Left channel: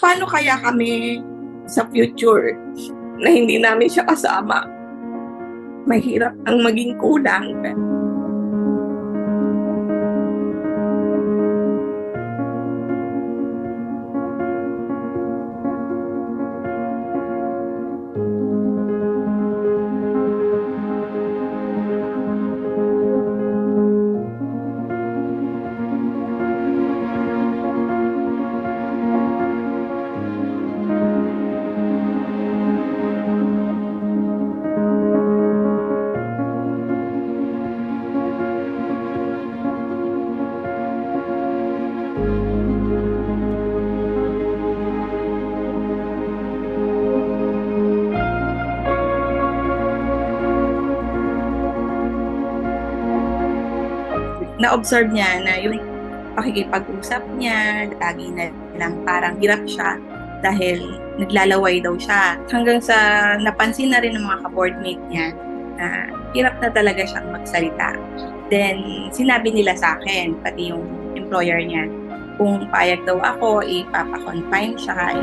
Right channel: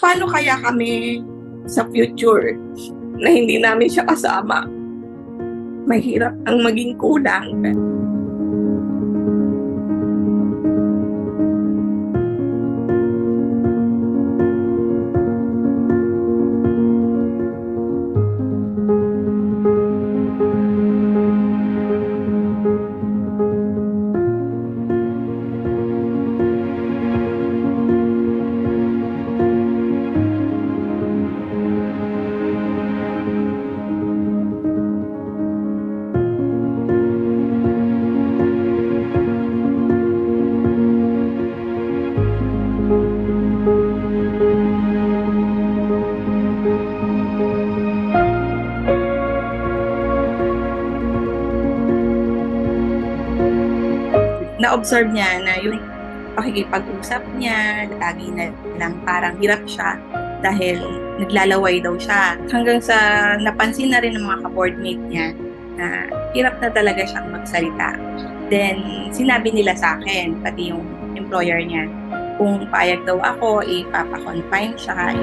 Paano kaya kami sa future na hindi namin siya kasama? Mahirap ang maging kulang. Na-observe niya na yung pakikipag-usap niya, lagi na lang parang hirap siya dahil naglalaway daw siya. Hanggang sa napansin na rin ng mga ka-boardmate niya na hirap na talaga siyang magsalita. Then, sinabi nila sa akin, pati yung employer niya, kung payag daw ako, ipapa-confine siya.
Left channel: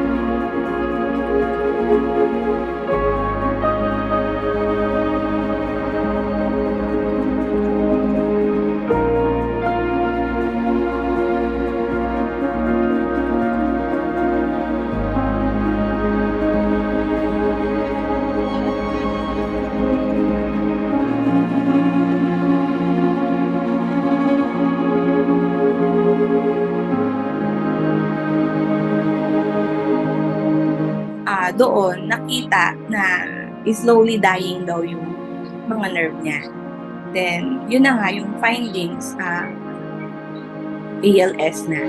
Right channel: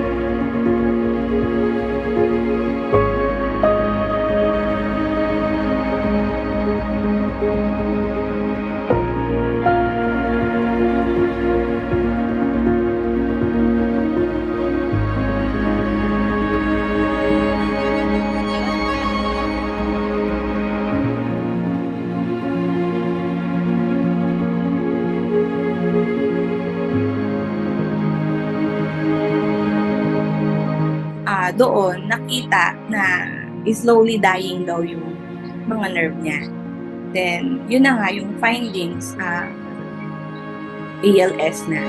Doon nakita na slowly dying daw yung mga nerve niya. Then, yun na nga yung findings, ALS na.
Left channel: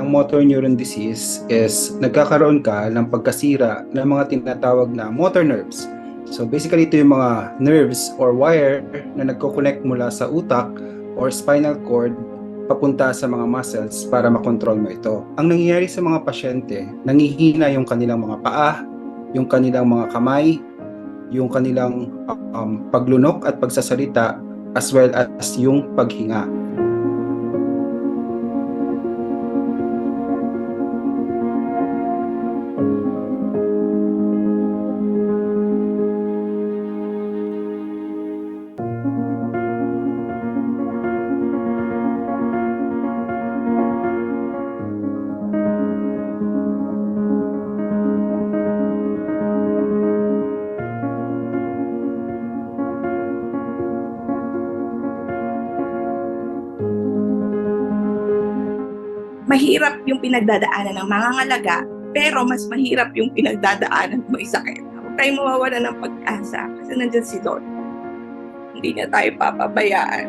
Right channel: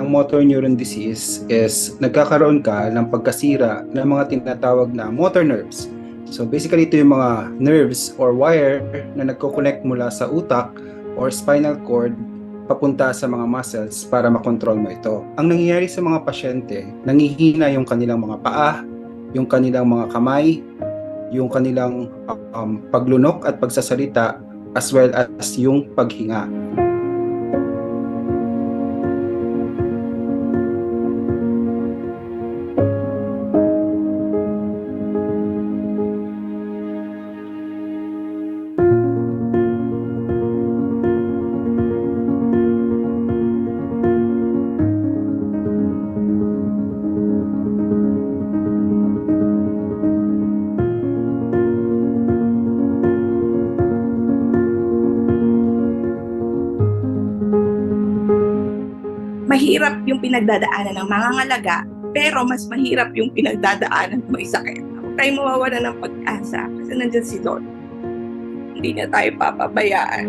Ang motor neuron disease is nagkakaroon ka ng pagkasira ng mga tinatawag na motor nerves. So basically ito yung mga nerves or wire na nagko-connect mula sa utak or spinal cord papunta sa mga muscles para makontrol mo ito. Ang nangyayari sa mga pasyente, nangihina yung kanilang mga paa, yung kanilang mga kamay, yung kanilang paglunok at pagsasalita as well as yung paghinga. Mahirap yung pinagdadaanan ng mga ngalaga, pero mas mahirap yung pinagdadaanan ng may sakit. Huwag tayong mawawala ng pag-asa kasi nandiyan si Lord. Hindi niya tayo papabayaan.